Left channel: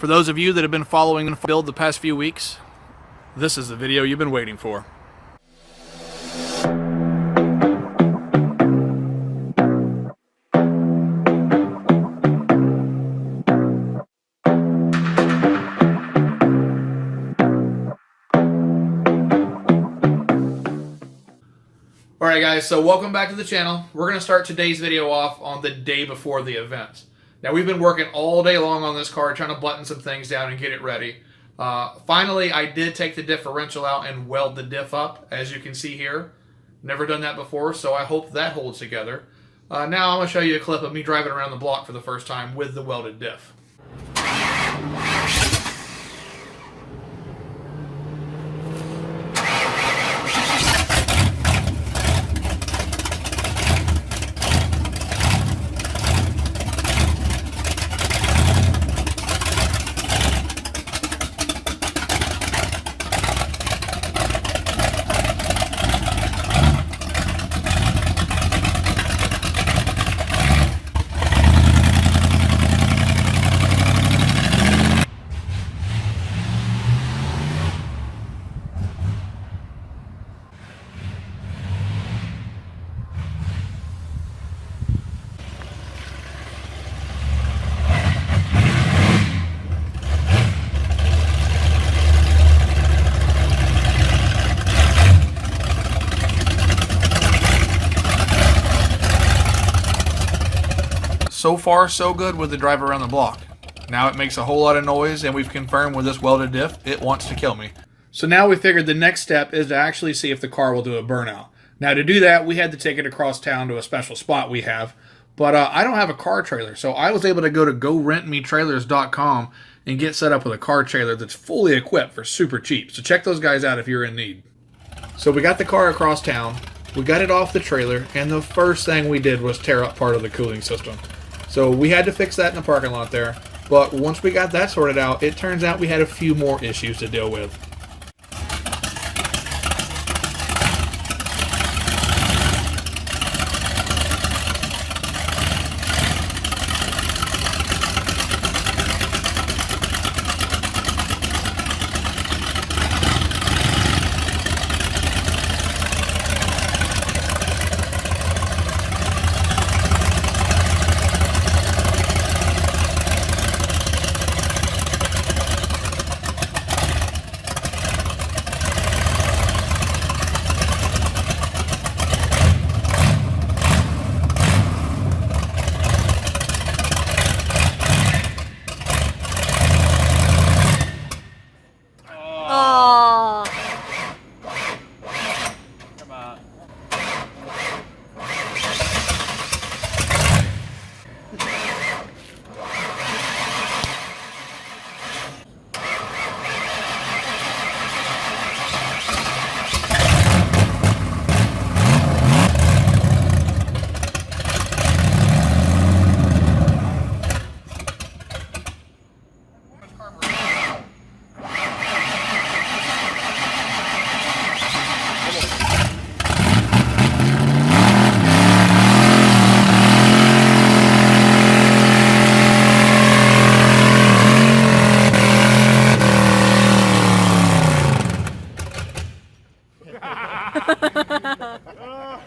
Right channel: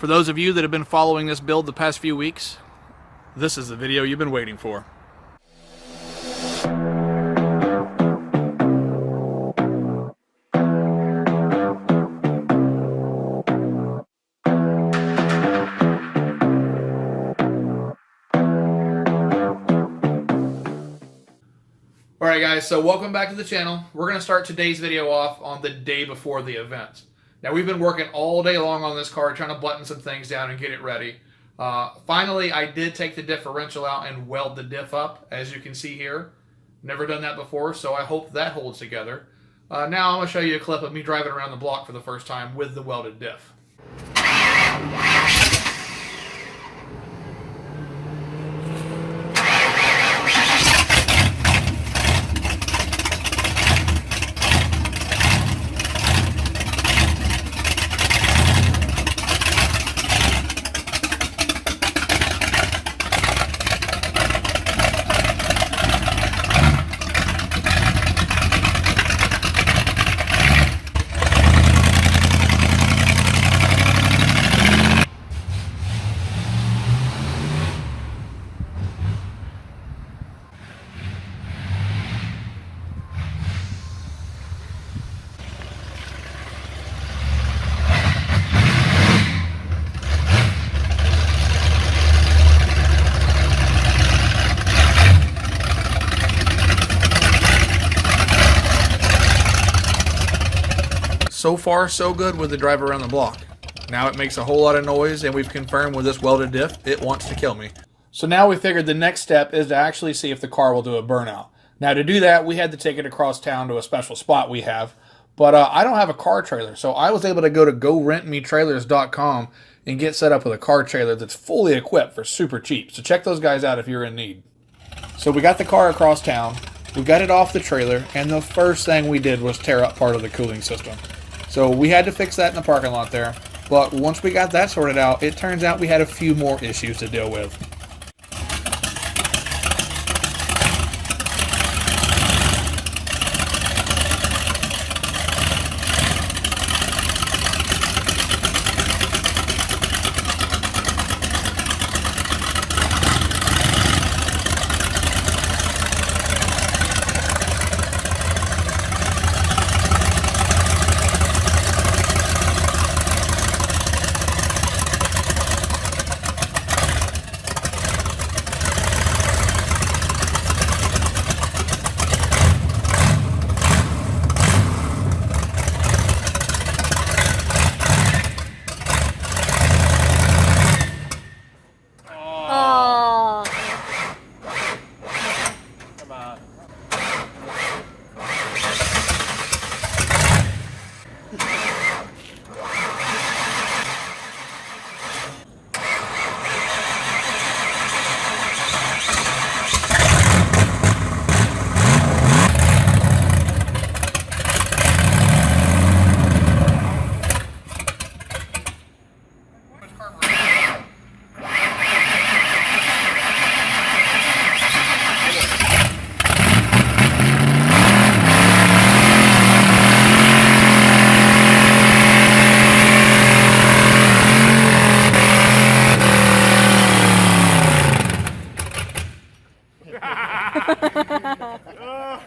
For those of you that have been following this build the past few weeks, this is the video you've been waiting for. Alright guys, so welcome back to the channel. We're going to start today's video off on the day before the event. Now we've been working all day long on this car trying to button some things down and get it ready. Finally, I did take the differential out and weld the diff up, as you can see here. Never done that before, so I hope that holds together. Now I'm going to show you a clip of me driving around the block for the first time with the welded diff. So far, so good with the drive around the block. Now it makes a whole lot of noise, and we've confirmed with this welded diff, it wants to kill me. So now we figured the next step is to actually see if the car will do a burnout. Now to do that, we had to take it across town to a special spot we have. But I don't have a car trailer, so I was able to go to GoRentMeTrailers.com and get set up with a car trailer that's fully equipped for super cheap. So check those guys out if you're in need. So we got the car across town, we got it off the trailer, and the first thing we did was tear up part of the cooling system. So we had to fix that in the parking lot there, but once we got that sorted out, it turns out we had a few more issues to deal with.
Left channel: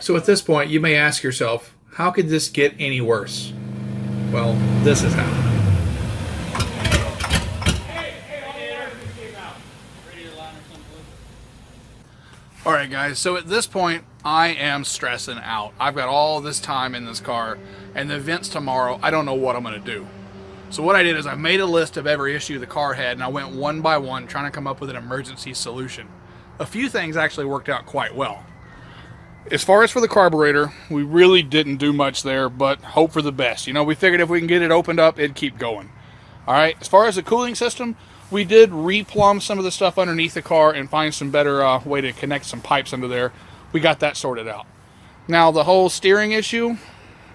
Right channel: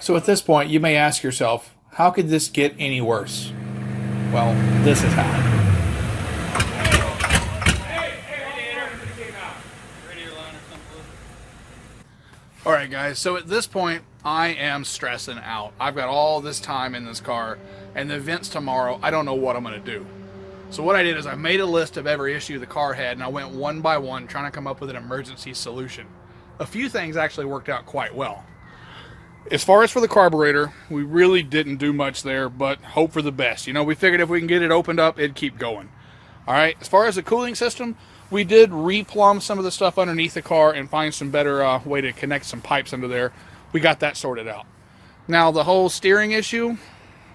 So at this point, you may ask yourself, how could this get any worse? Well, this is how. Alright guys, so at this point, I am stressing out. I've got all this time in this car, and the event's tomorrow. I don't know what I'm going to do. So what I did is I made a list of every issue the car had, and I went one by one trying to come up with an emergency solution. A few things actually worked out quite well. As far as for the carburetor, we really didn't do much there, but hope for the best. You know, we figured if we can get it opened up, it'd keep going. All right, as far as the cooling system, we did replumb some of the stuff underneath the car and find some better way to connect some pipes under there. We got that sorted out. Now, the whole steering issue,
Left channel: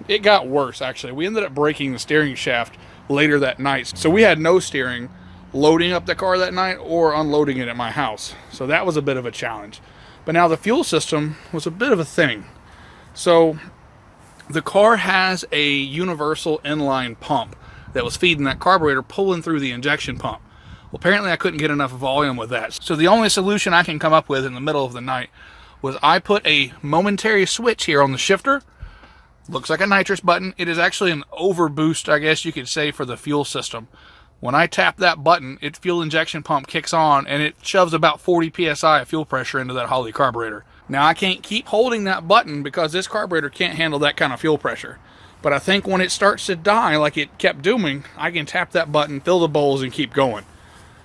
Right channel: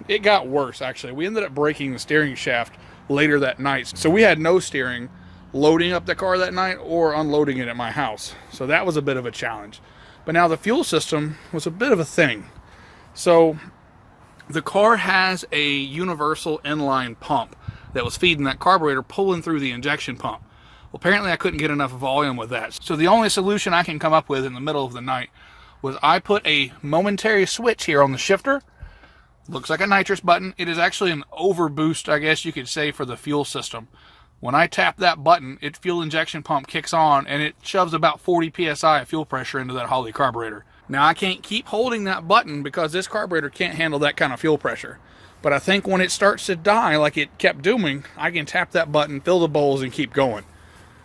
it got worse, actually. We ended up breaking the steering shaft later that night. So we had no steering loading up the car that night or unloading it at my house. So that was a bit of a challenge. But now the fuel system was a bit of a thing. So the car has a universal inline pump that was feeding that carburetor pulling through the injection pump. Well, apparently I couldn't get enough volume with that. So the only solution I can come up with in the middle of the night was I put a momentary switch here on the shifter. Looks like a nitrous button. It is actually an overboost, I guess you could say, for the fuel system. When I tap that button, its fuel injection pump kicks on and it shoves about 40 psi of fuel pressure into that Holley carburetor. Now I can't keep holding that button because this carburetor can't handle that kind of fuel pressure. But I think when it starts to die like it kept doing, I can tap that button, fill the bowls, and keep going.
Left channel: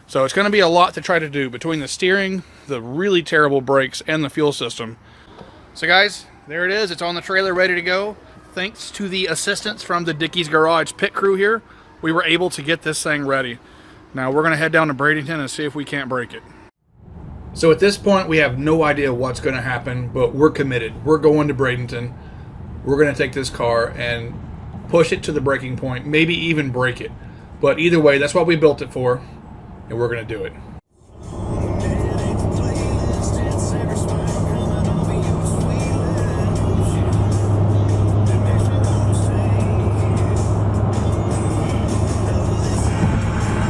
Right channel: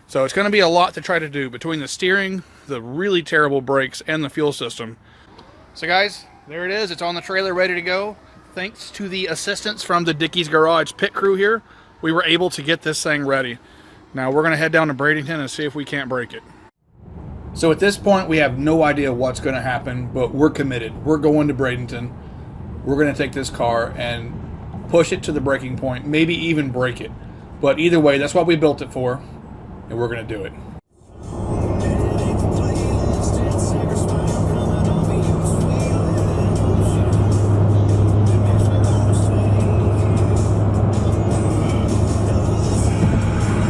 So it's going to be a lot to try to do between the steering, the really terrible brakes, and the fuel system. So guys, there it is. It's on the trailer, ready to go. Thanks to the assistance from the Dickey's Garage pit crew here, we were able to get this thing ready. Now we're going to head down to Bradenton and see if we can't break it. So at this point, we have no idea what's going to happen, but we're committed. We're going to Bradenton. We're going to take this car and push it to the breaking point, maybe even break it. But either way, that's what we built it for. And we're going to do it.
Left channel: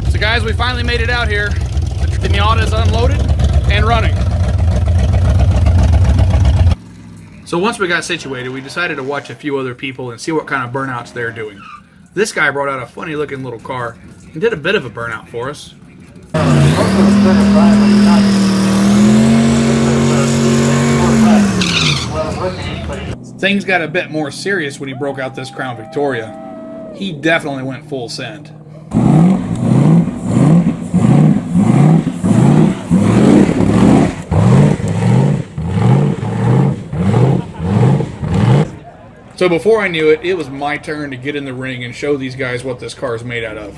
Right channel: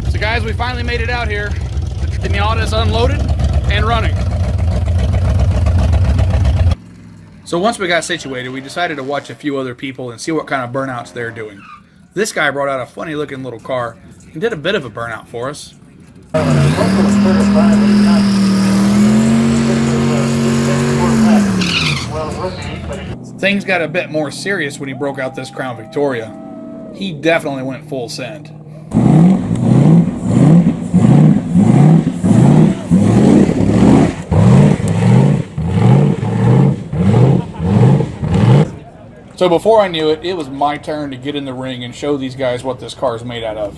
So guys, we finally made it out here. The Miata is unloaded and running. So once we got situated, we decided to watch a few other people and see what kind of burnouts they're doing. This guy brought out a funny looking little car and did a bit of a burnout for us. Things got a bit more serious when he broke out this Crown Victoria. He definitely went full send. So before I knew it, it was my turn to get in the ring and show these guys what this car is made out of.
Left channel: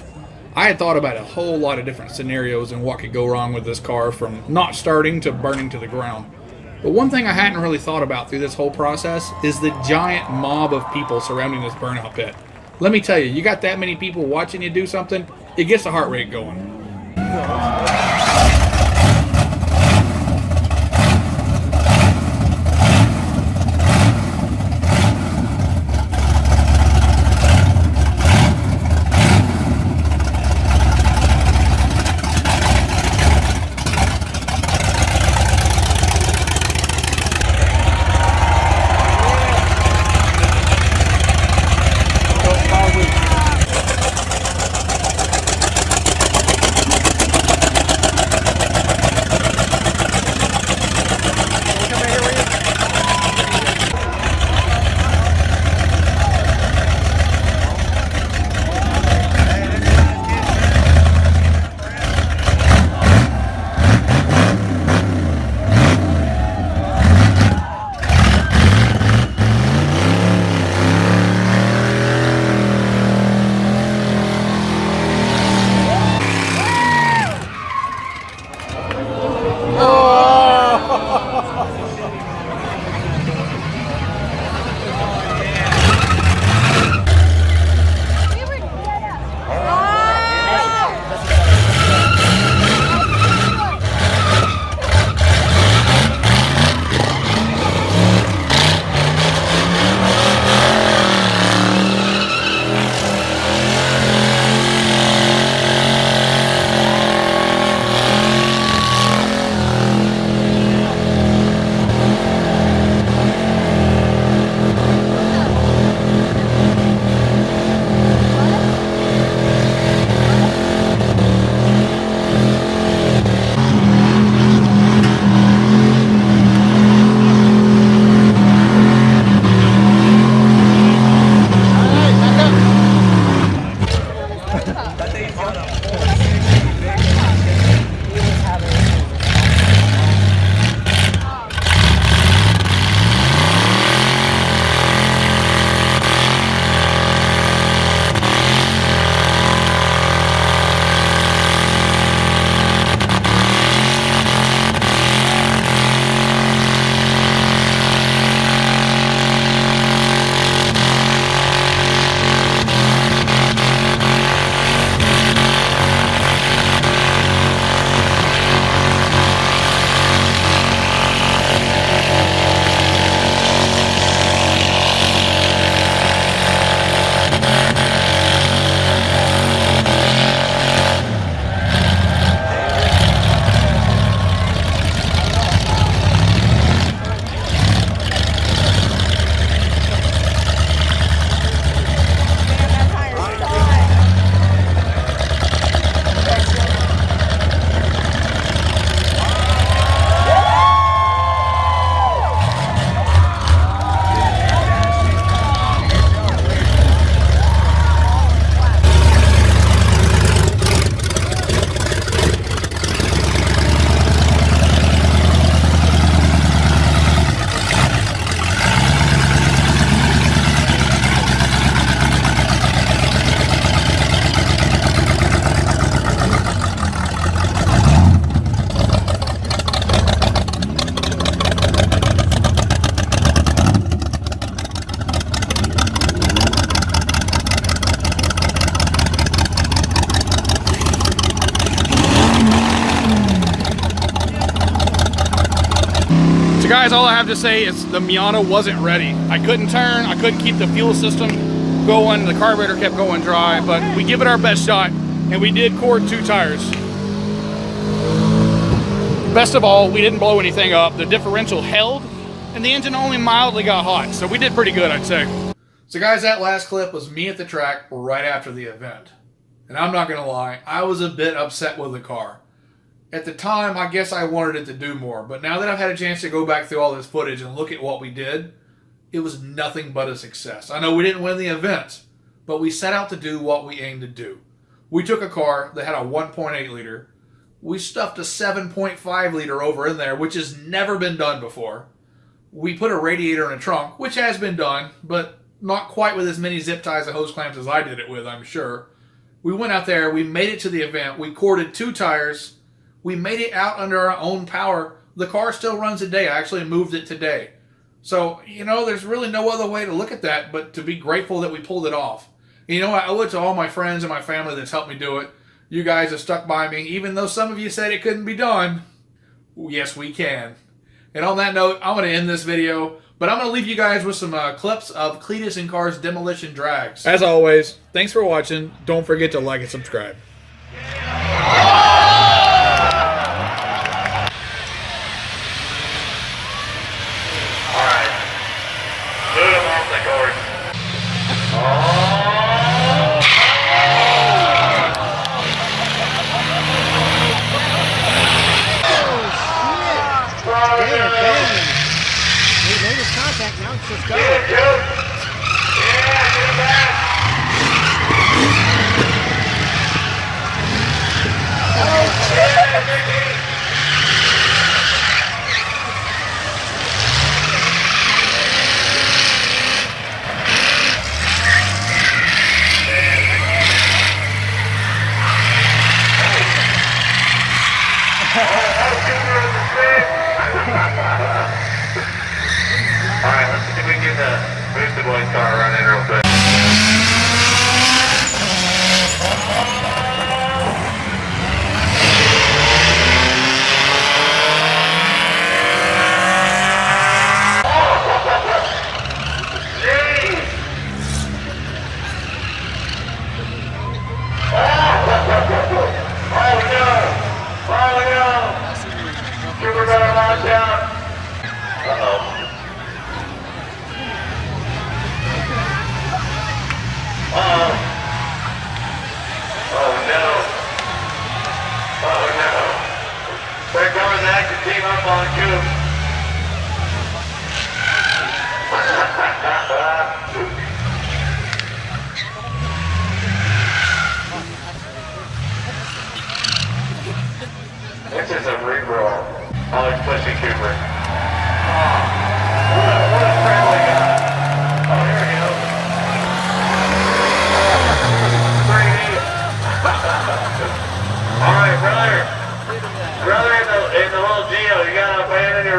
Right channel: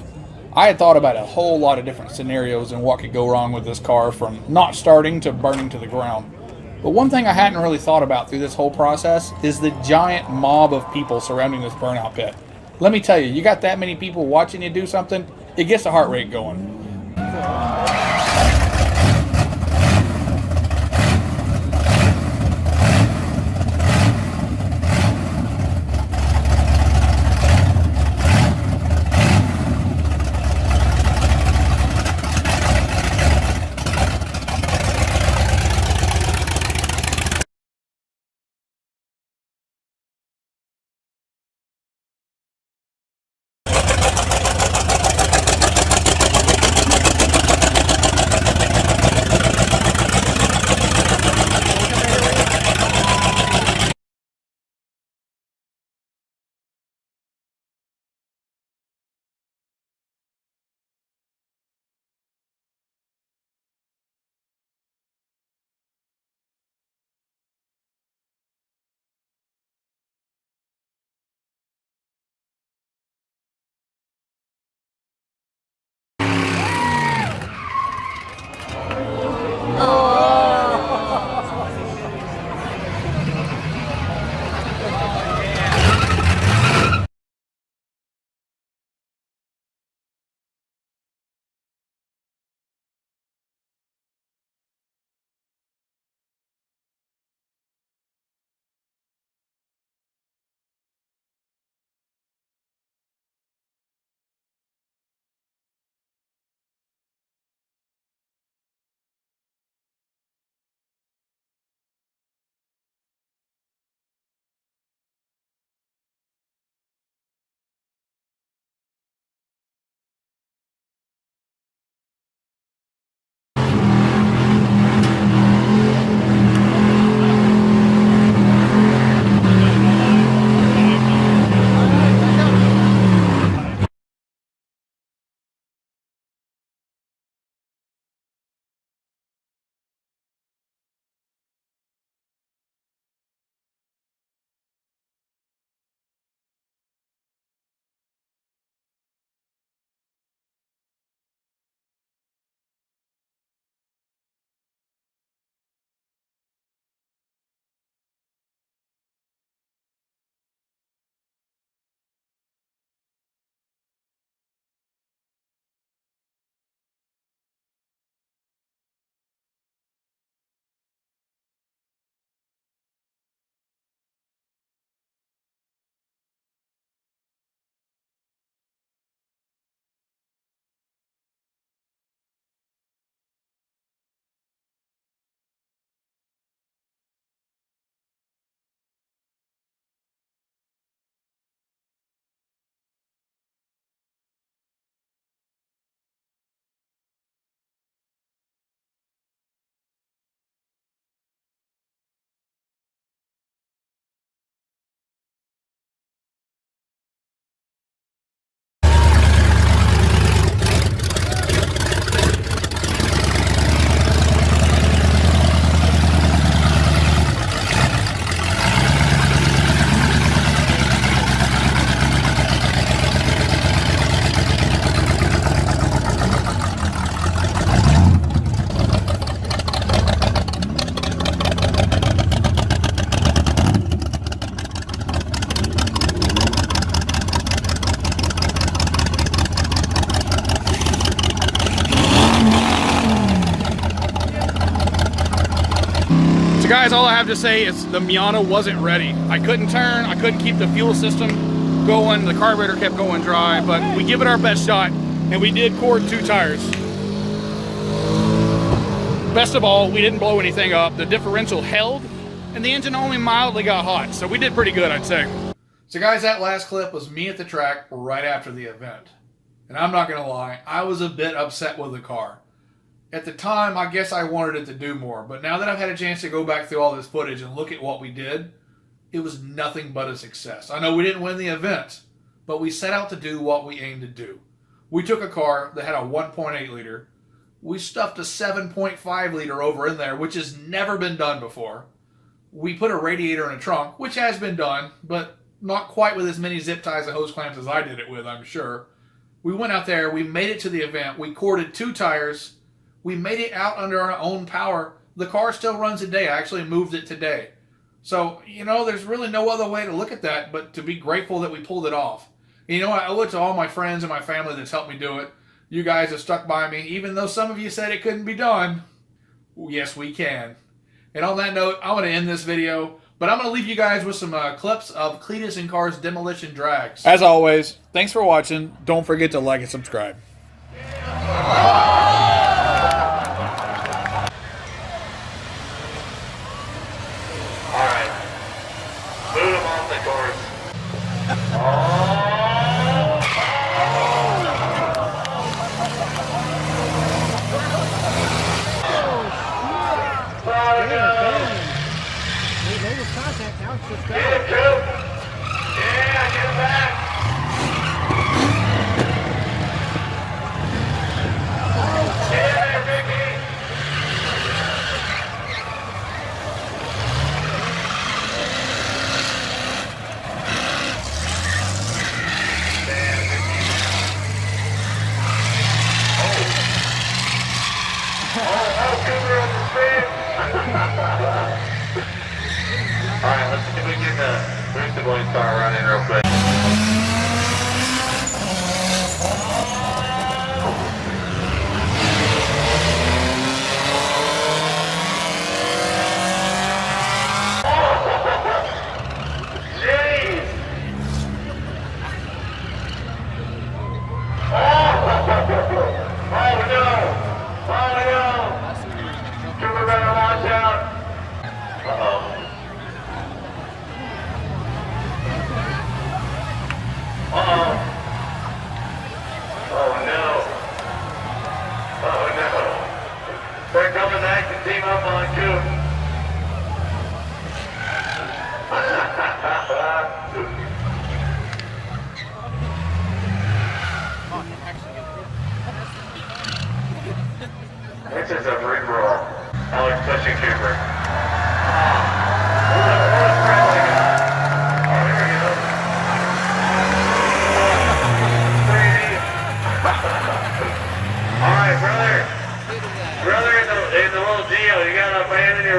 I had thought about a whole lot of different scenarios and what could go wrong with this car, from not starting to burning to the ground. But one thing I hadn't really thought about through this whole process is the giant mob of people surrounding this burnout pit. Let me tell you, you got that many people watching you do something, it gets the heart rate going. So guys, all I have to say is the Miata wasn't ready. I couldn't turn, I couldn't keep the fuel system going, the carburetor kept going dry, but we give it our best shot, and we did cord 2 tires. Best of all, we didn't blow anything up, the differential held, and the engine only mildly got hot, so we did pretty good, I'd say. So guys, that last clip was me at the track right after the event. And I'm not gonna lie, I was a bit upset with the car. At the time, I guess I wanted it to do more, but now that I've had a chance to go back through all this footage and look at what we did, it was nothing but a success. I know we didn't win the event, but we set out to do what we aimed to do. We took a car that had a 1.8 liter, we stuffed a 7.5 liter over in there, which has never been done before. We put a radiator in a trunk, which has been done, but not quite with as many zip ties and hose clamps as I did it with, I'm sure. We went out there, we made it to the event, we corded 2 tires, we made it out under our own power. The car still runs today. I actually moved it today. So, you know, there's really no other way to look at that but to be grateful that we pulled it off. And you know, I owe it to all my friends and my family that's helped me do it. You guys have stuck by me, even though some of you said it couldn't be done. Yes, we can. And on that note, I'm going to end this video, but I'm going to leave you guys with some clips of Cleetus and Car's demolition drags. As always, thanks for watching. Don't forget to like and subscribe. Alright, let's see if we can move the boy's car around in real quick. Team up on 2. This is a free roll. Oh, it's pushing Cooper. Alright, brother, in the little Geo, you got a fan in your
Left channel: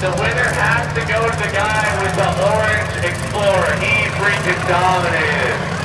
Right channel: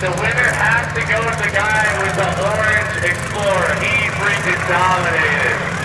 The winner has to go to the guy with the orange Explorer. He freaking dominated.